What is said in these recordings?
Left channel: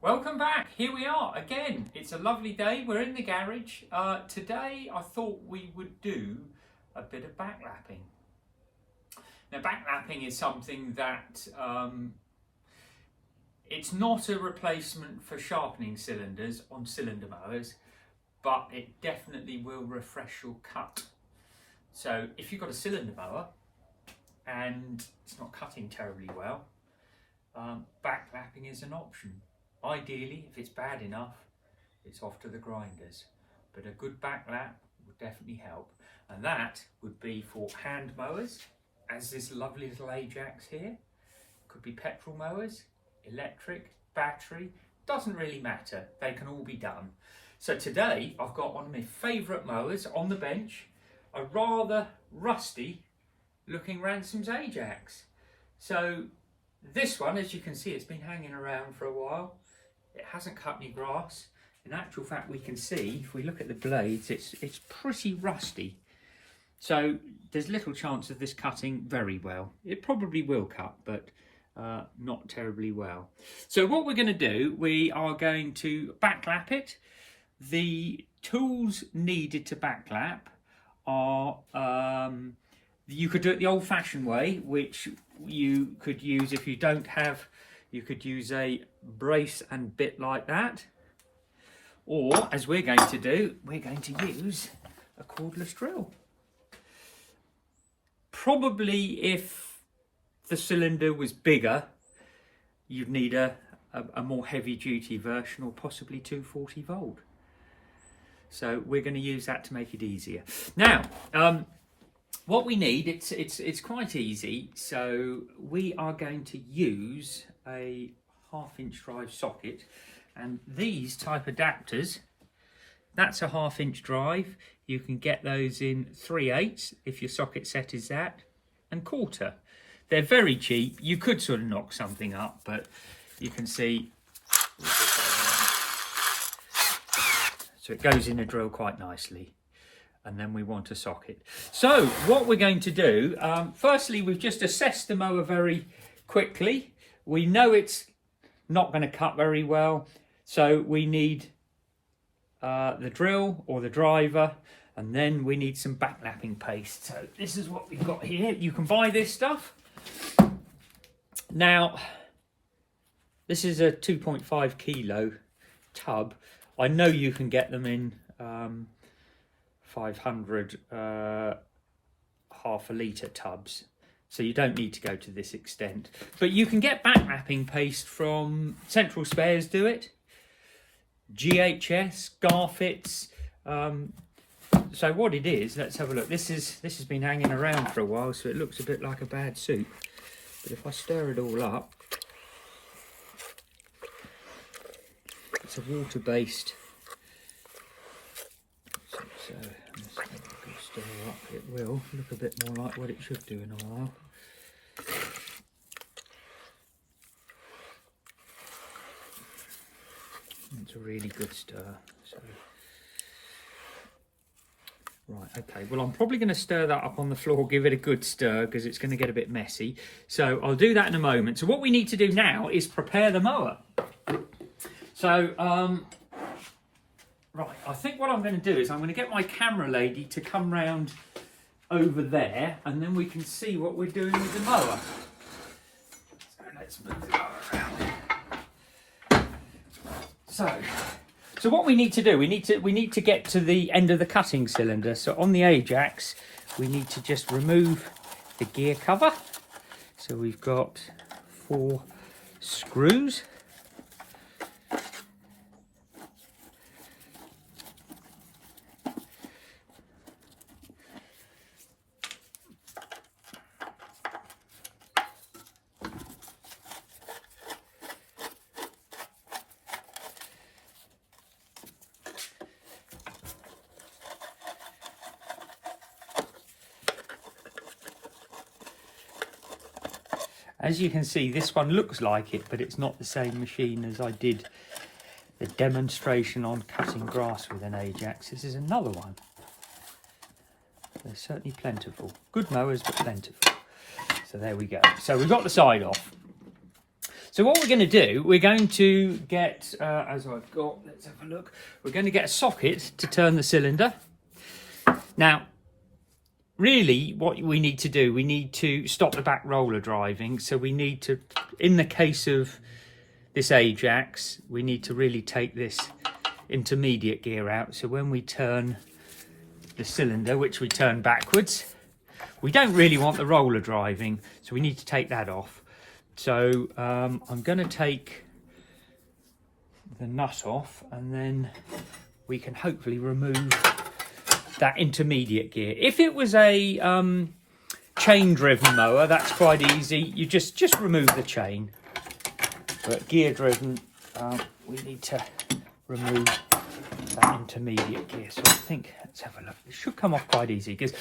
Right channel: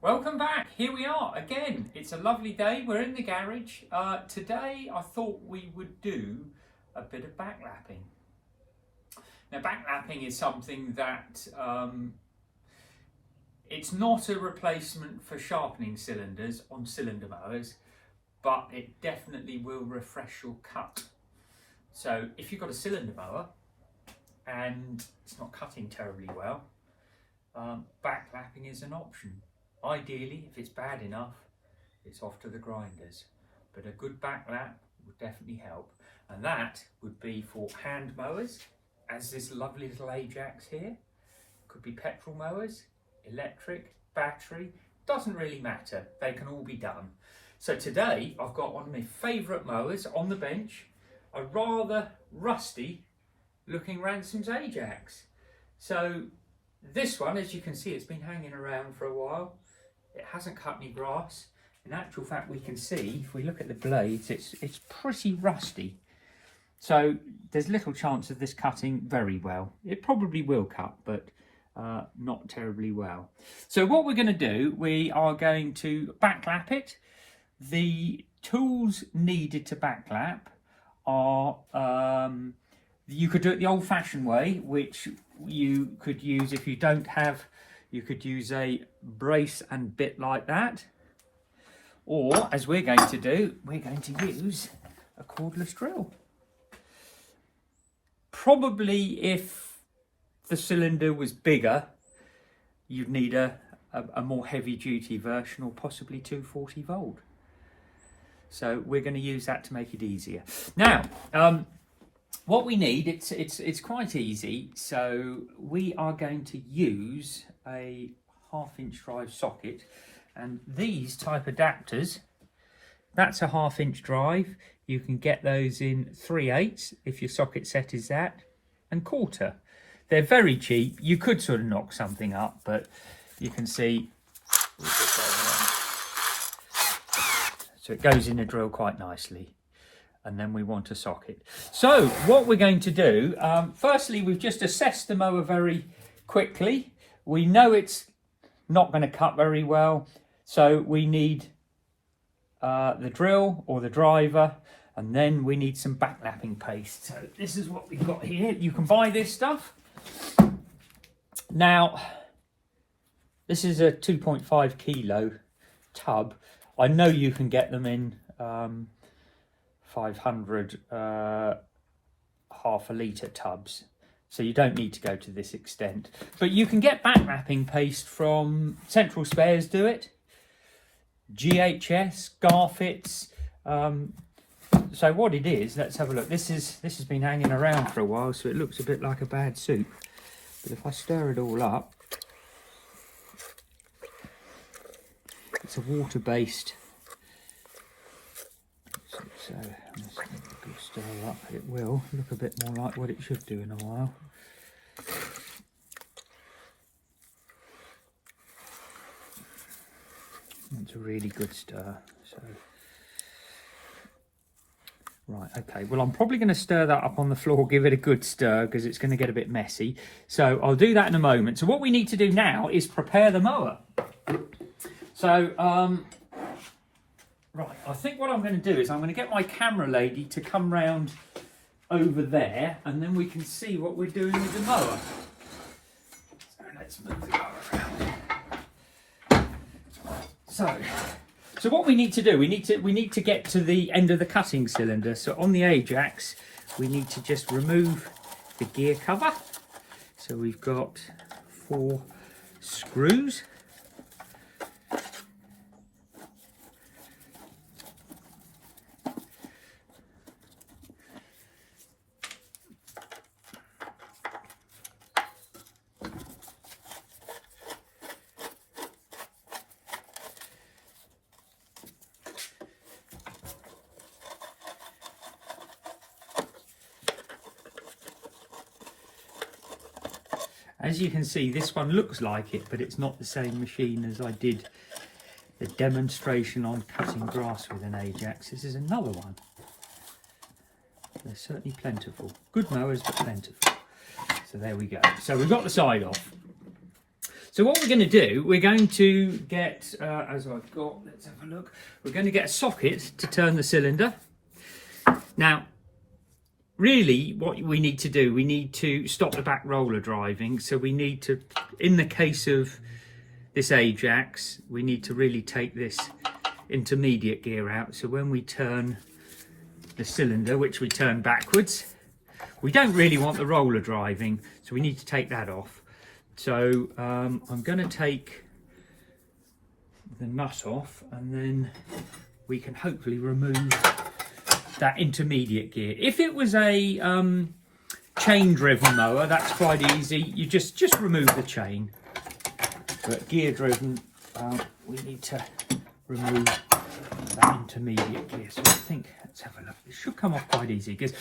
Welcome back. Here we are again. It's a lovely day. We're in the garage. Today I thought we would do a bit of backlapping. Now backlapping is something that it's not a replacement for sharpening cylinders on cylinder mowers, but it definitely will refresh your cut. So if you've got a cylinder mower and it's not cutting terribly well, backlapping is an option. Ideally, if it's bad enough, it's off to the grinders. But a good backlap would definitely help. And that would be for hand mowers, as this lovely little Ajax here. Could be petrol mowers, electric, battery, doesn't really matter. They can all be done. So today, I've got one of my favourite mowers on the bench, a rather rusty looking Ransom's Ajax. So this one, as you can see, it's been hanging around for a while. It hasn't cut any grass. In actual fact, we can see, if we look at the blades, it's pretty rusty. So there's little chance of this cutting very well. It probably will cut, but not terribly well. So what we're going to do, we are going to backlap it. The tools needed to backlap are, you could do it the old-fashioned way, which you could use if you don't have, you could use a brace and bit like that. Or, as we're going to do, we're going to use a cordless drill. Probably if the cylinder was bigger, you'd need a more heavy-duty version, or possibly 240 volt. So we're going to use that to make it easier. Now, what we need, it's quite easy. So we are going to use a 1/2" drive socket, and these type adapters, that's a 1/2" drive. You can get those in 3/8 if your socket set is that, and 1/4. They're very cheap. You could sort of knock something up, but you can see. So it goes in a drill quite nicely. And then we want a socket. So what we're going to do, firstly, we've just assessed the mower very quickly. We know it's not going to cut very well. So we need the drill or the driver, and then we need some backlapping paste. So this is what we've got here. You can buy this stuff. Now, this is a 2.5 kilo tub. I know you can get them in 500 1/2 litre tubs, so you don't need to go to this extent. But you can get backlapping paste from Central Spares, do it, GHS, Garfits. So what it is, let's have a look. This has been hanging around for a while, so it looks a bit like a bad soup. But if I stir it all up, it's a water-based. So stir up, it will look a bit more like what it should do in a while. It's a really good stir. So right, okay, well I'm probably going to stir that up on the floor, give it a good stir, because it's going to get a bit messy. So I'll do that in a moment. So what we need to do now is prepare the mower. So right, I think what I'm going to do is I'm going to get my camera lady to come round over there, and then we can see what we're doing with the mower. So let's move the mower around. So what we need to do, we need to get to the end of the cutting cylinder. So on the Ajax, we need to just remove the gear cover. So we've got 4 screws. As you can see, this one looks like it, but it's not the same machine as I did the demonstration on cutting grass with an Ajax. This is another one. They're certainly plentiful. Good mowers, but plentiful. So there we go. So we've got the side off. So what we're going to do, we're going to get, as I've got, let's have a look. We're going to get a socket to turn the cylinder. Now, really what we need to do, we need to stop the back roller driving. So we need to, in the case of this Ajax, we need to really take this intermediate gear out. So when we turn the cylinder, which we turn backwards, we don't really want the roller driving, so we need to take that off. So I'm going to take the nut off, and then we can hopefully remove that intermediate gear. If it was a chain driven mower, that's quite easy. You just remove the chain. But gear driven, we need to remove that intermediate gear. So I think, let's have a look. It should come off quite easy, because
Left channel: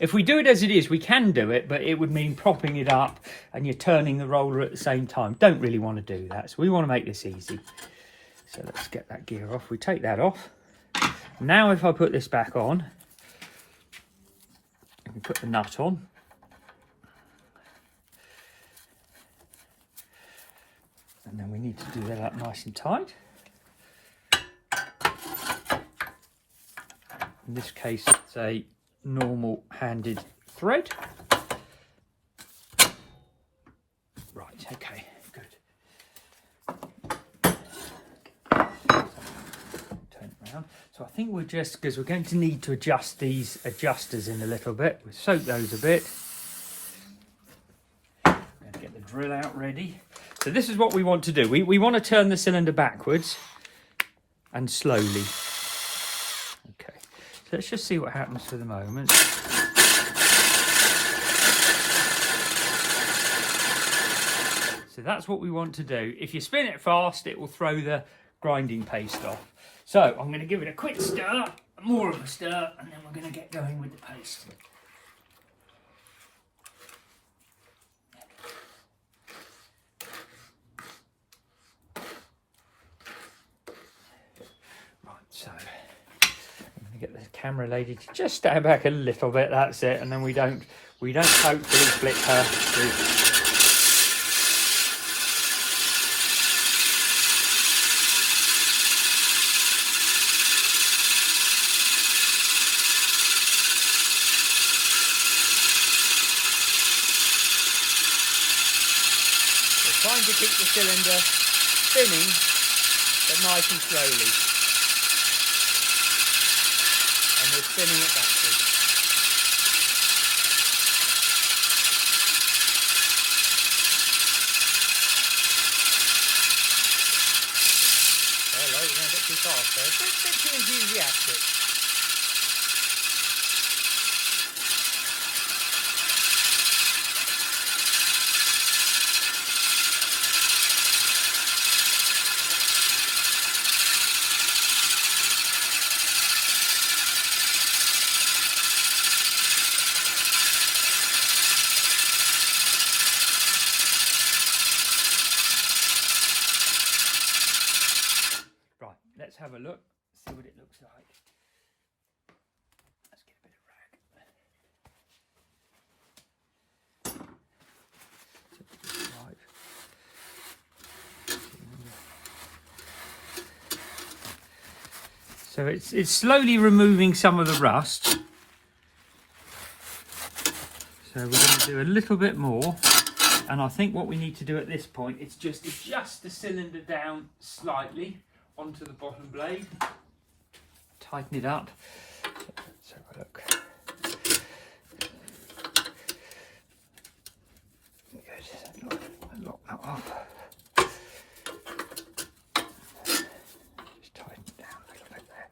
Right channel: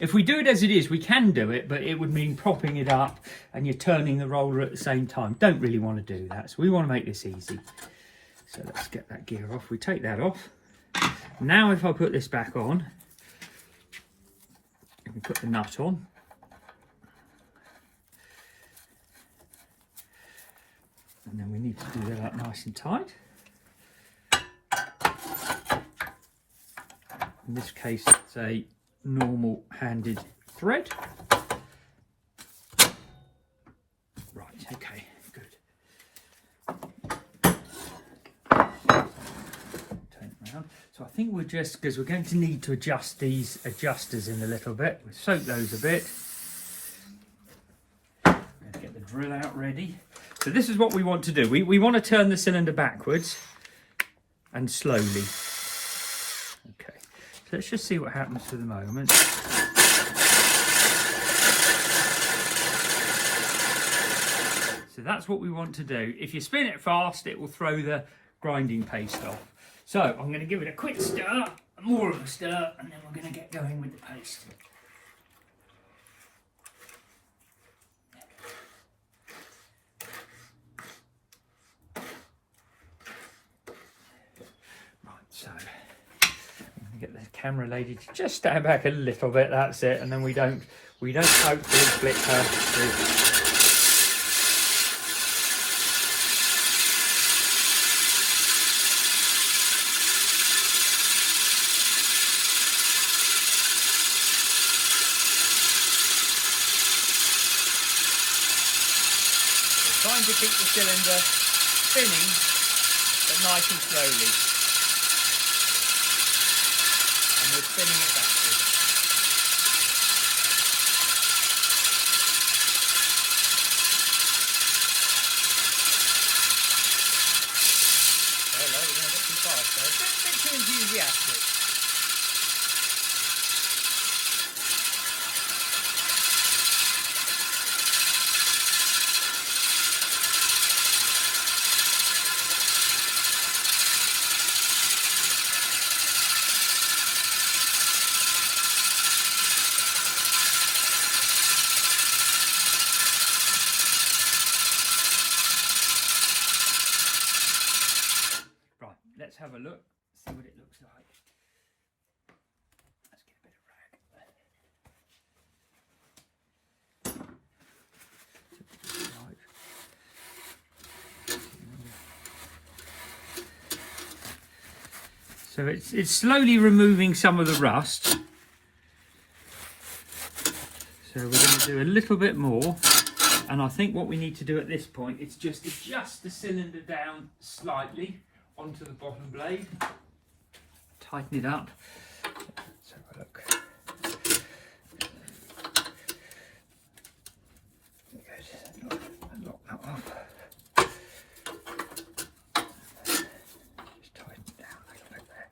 if we do it as it is, we can do it, but it would mean propping it up and you're turning the roller at the same time. Don't really want to do that. So we want to make this easy. So let's get that gear off. We take that off. Now if I put this back on, and put the nut on. And then we need to do that up nice and tight. In this case, it's a normal handed thread. Right, okay, good. Turn it around. So I think we'll just, because we're going to need to adjust these adjusters in a little bit. We'll soak those a bit. I'm going to get the drill out ready. So this is what we want to do. We want to turn the cylinder backwards and slowly. Okay, so let's just see what happens for the moment. So that's what we want to do. If you spin it fast, it will throw the grinding paste off. So I'm going to give it a quick stir, more of a stir, and then we're going to get going with the paste. So I'm going to get the camera lady to just stand back a little bit. That's it, and then we don't hopefully flick her through. Trying to keep the cylinder spinning, but nice and slowly. And we're spinning it backwards. Alright, we're going to get too fast though. A bit too enthusiastic. Let's have a look, see what it looks like. Let's get a bit of rag. So it's slowly removing some of the rust. So we're going to do a little bit more. And I think what we need to do at this point is just adjust the cylinder down slightly onto the bottom blade, tighten it up. Let's have a look. Good. Lock that off. Just tighten it down a little bit there.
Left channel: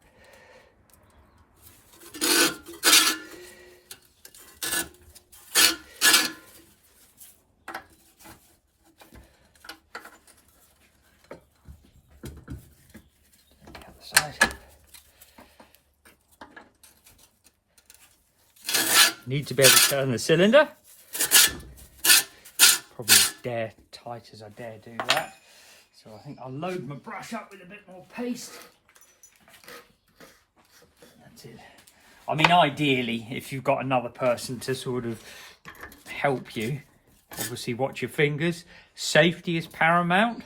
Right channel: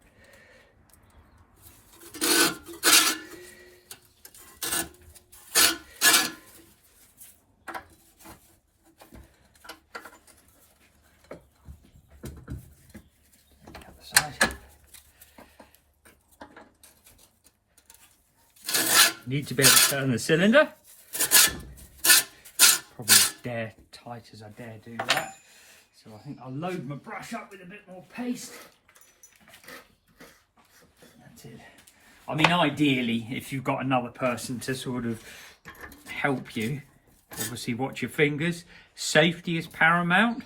Need to be able to turn the cylinder. Probably as dare tight as I dare do that. So I think I'll load my brush up with a bit more paste. That's it. I mean, ideally, if you've got another person to sort of help you, Obviously watch your fingers. Safety is paramount.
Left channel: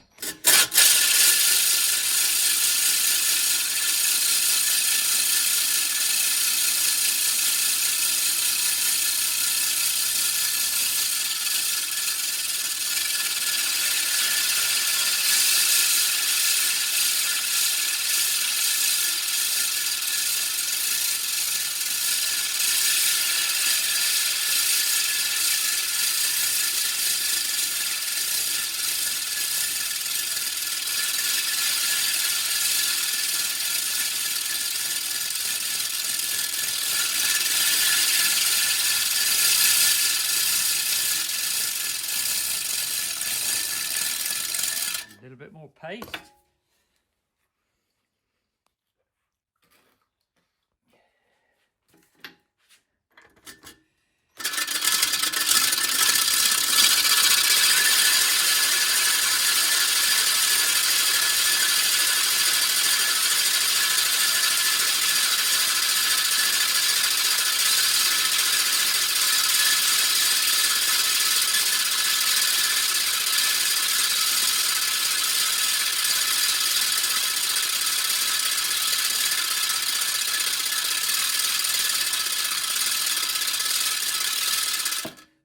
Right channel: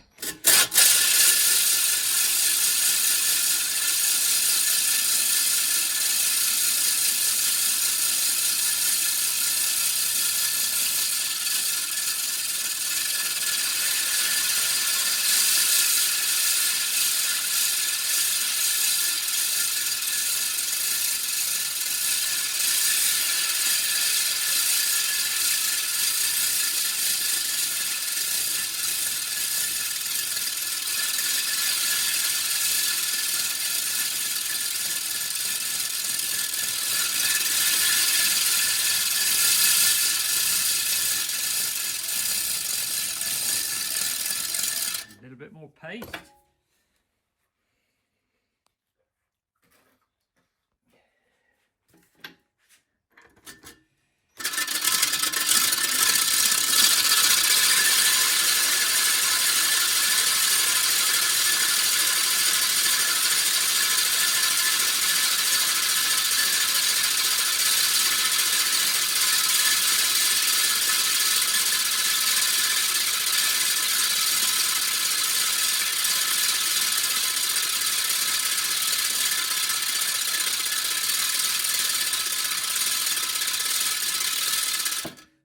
A little bit more paste.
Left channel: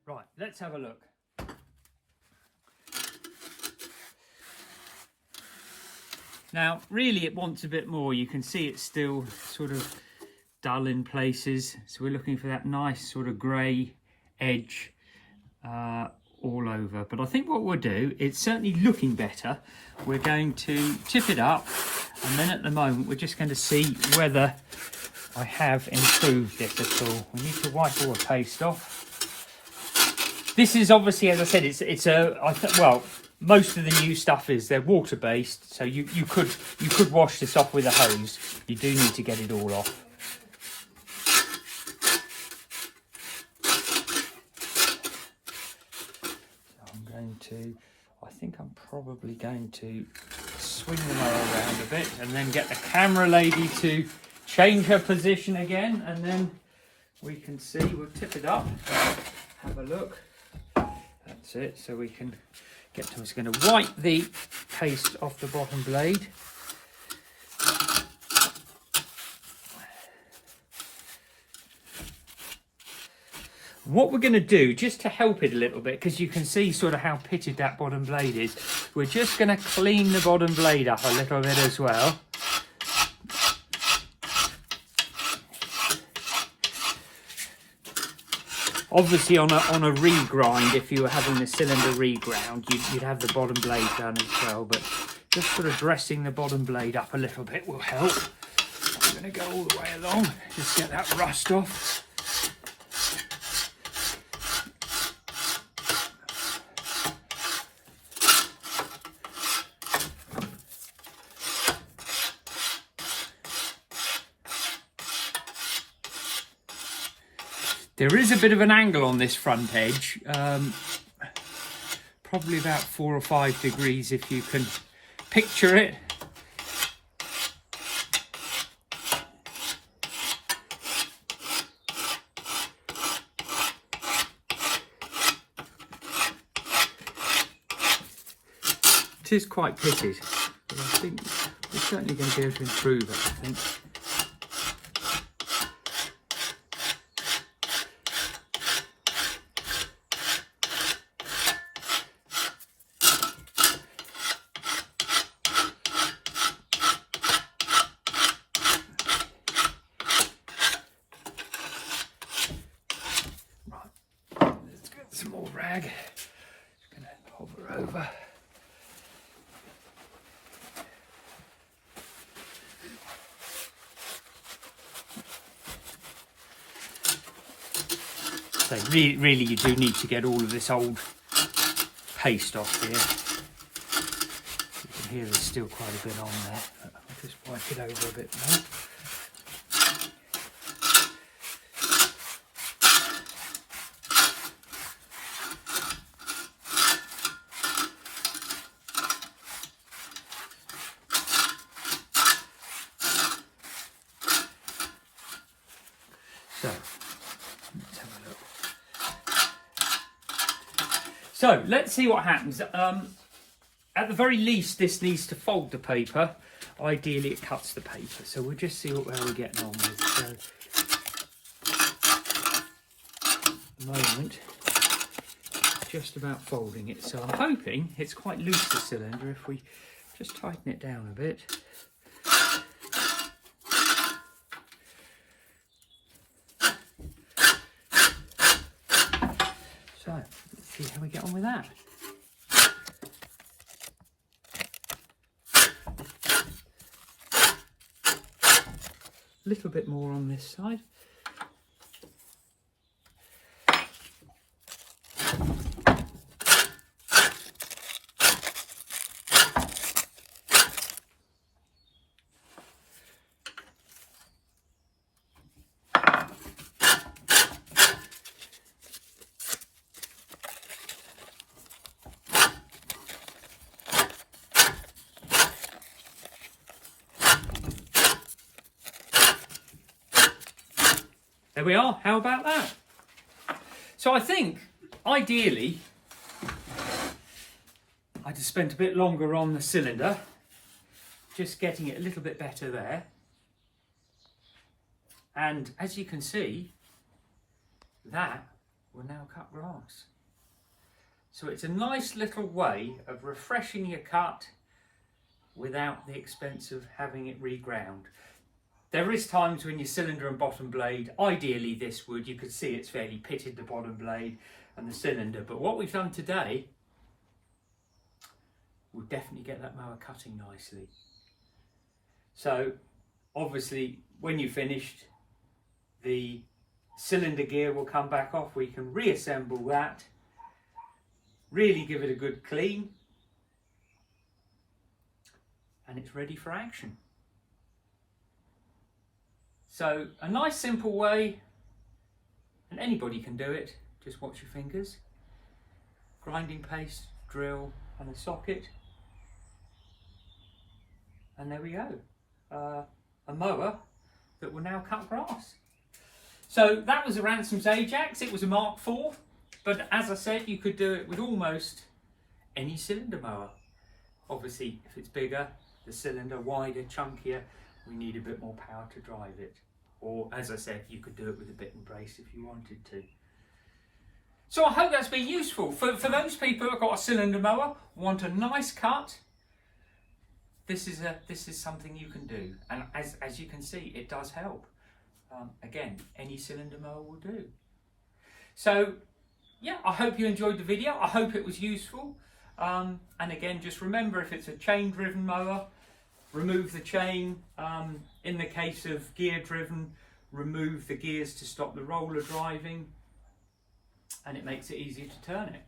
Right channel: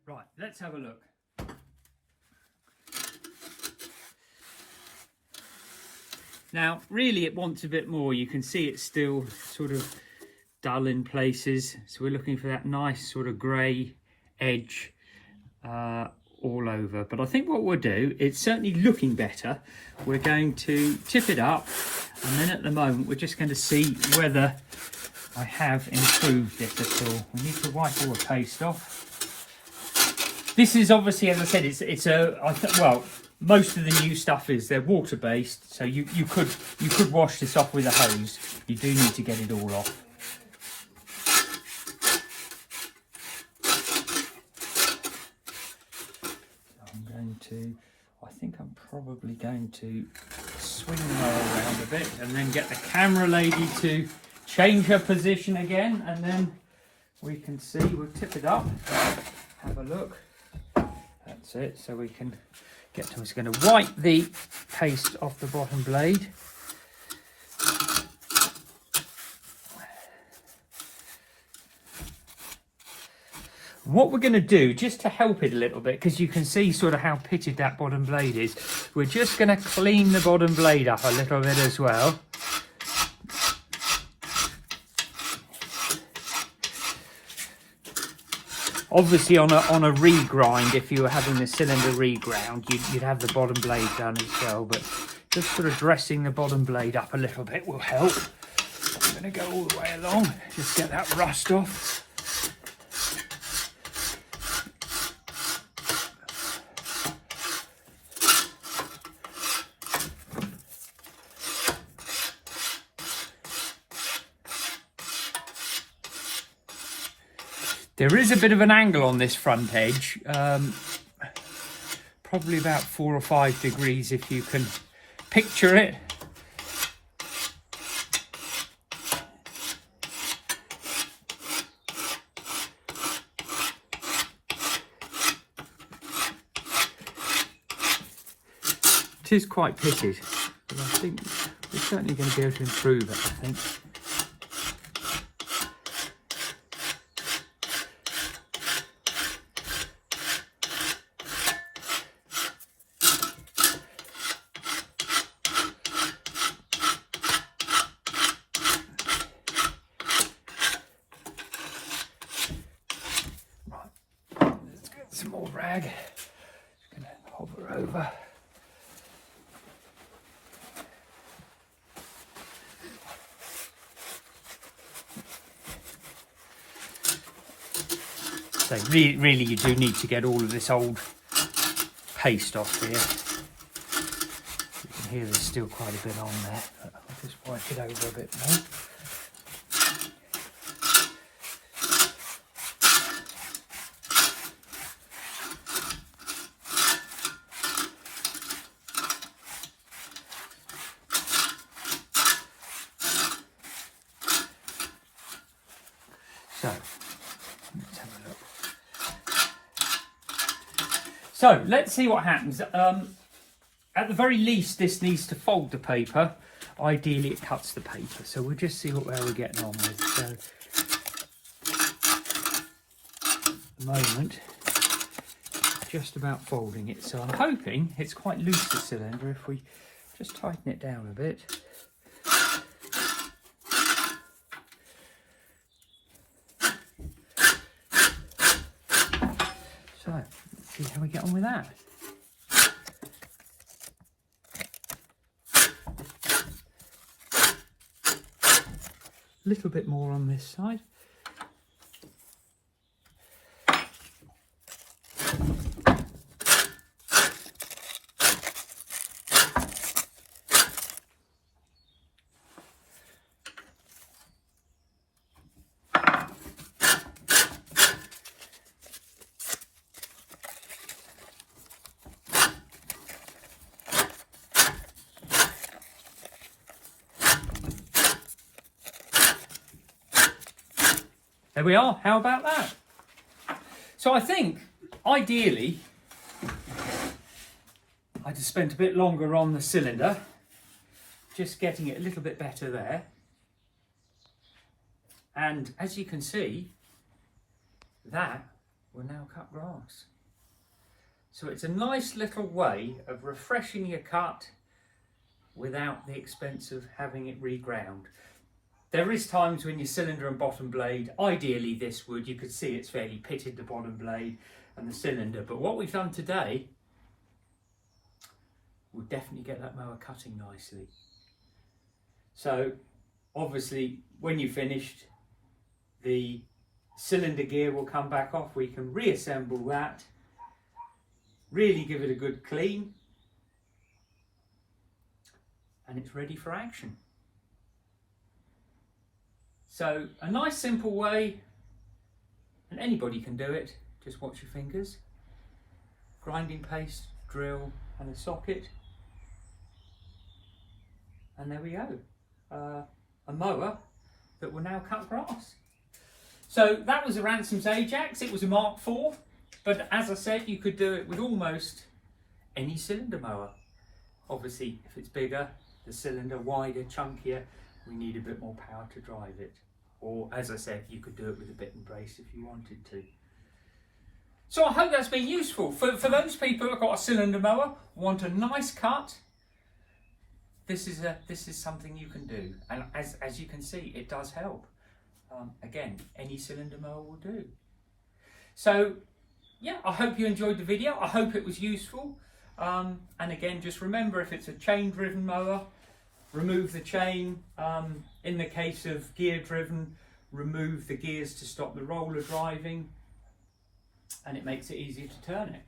Right, let's have a look. Now, really it wants a bit more. You can see it's still sort of dull in places. So we're looking for that nice sort of grey edge all over. But I think what we'll do, it's certainly looking better. We're going to tip it up, and then at the moment we're just going to see whether I have improved it at all. We need to wipe all the paste off. This is obviously, as I said, well, most of the new stuff they're water based, so you could wash this off with a hose. You do need to get it all off. I think I'm probably going to swing them all around a bit and then get the camera lady to change her position again, and then we can see. We'll tip it up, have a look. That's it, so we can get to. I'm just going to wipe the paste off the bottom blade. What we're going to do, just to help it a little bit, because you can see sort of how pitted that bottom blade is, we're just going to clean the bottom blade up a little bit as well. Obviously on a regrind, if you were having the cylinder reground, you'd have the bottom blade done as well, but just sort of dressing the bottom blade up a little bit will help. I'm going to go all the way along, just get that rust off. There is a bit of an angle on this front edge, probably about 4 or 5 degrees if you can picture it. It is quite pitted, but I think we're certainly going to be able to improve it, I think. Some more rag, just going to hover over. So really you do need to get all of this old paste off here. You can hear there's still quite a bit on there, but I'll just wipe it over a bit now. So So let's see what happens. At the very least, this needs to fold the paper. Ideally, it cuts the paper. So we'll just see where we're getting on with. So, at the moment, just about folding it. So I'm hoping it's quite loose, the cylinder, if we just tighten it down a bit. So let's see how we get on with that. A little bit more on this side. There we are, how about that? So I think, ideally, I'd have spent a bit longer on the cylinder, just getting it a little bit better there. And as you can see, that will now cut grass. So it's a nice little way of refreshing your cut without the expense of having it reground. There is times when your cylinder and bottom blade, ideally this would, you could see it's fairly pitted, the bottom blade and the cylinder, but what we've done today will definitely get that mower cutting nicely. So obviously when you've finished, the cylinder gear will come back off, we can reassemble that, really give it a good clean, and it's ready for action. So a nice simple way, and anybody can do it, just watch your fingers. Grinding paste, drill and a socket. And there we go, a mower that will now cut grass. So that was a Ransom's Ajax, it was a Mark IV, but as I said, you could do it with almost any cylinder mower. Obviously, if it's bigger, the cylinder wider, chunkier, we need a bit more power to drive it. Or as I said, you could do it with a bit and brace if you wanted to. So I hope that's been useful. For those people who've got a cylinder mower, want a nice cut, this is something you can do. And as you can see, it does help. Again, any cylinder mower will do. So yeah, I hope you enjoyed the video. I hope it was useful. And again, just remember, if it's a chain driven mower, remove the chain. In the case of gear driven, remove the gears to stop the roller driving, and it makes it easier to turn it.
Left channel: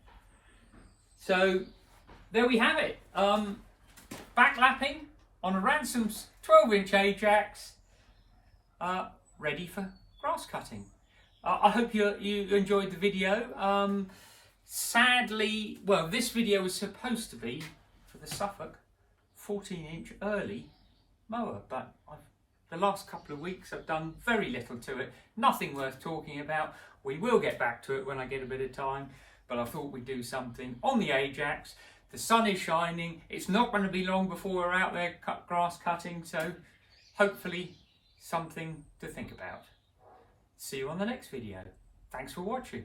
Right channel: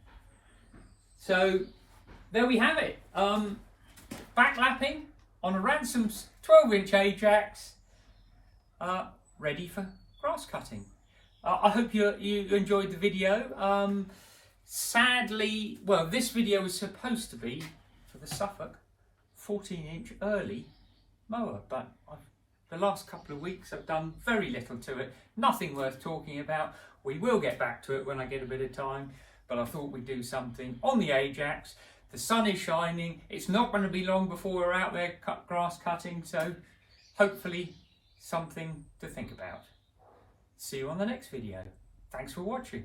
So there we have it. Backlapping on a Ransom's 12-inch Ajax, ready for grass cutting. I hope you enjoyed the video. Sadly, well, this video was supposed to be for the Suffolk 14-inch early mower, but the last couple of weeks I've done very little to it, nothing worth talking about. We will get back to it when I get a bit of time, but I thought we'd do something on the Ajax. The sun is shining, it's not going to be long before we're out there grass cutting, so hopefully something to think about. See you on the next video. Thanks for watching.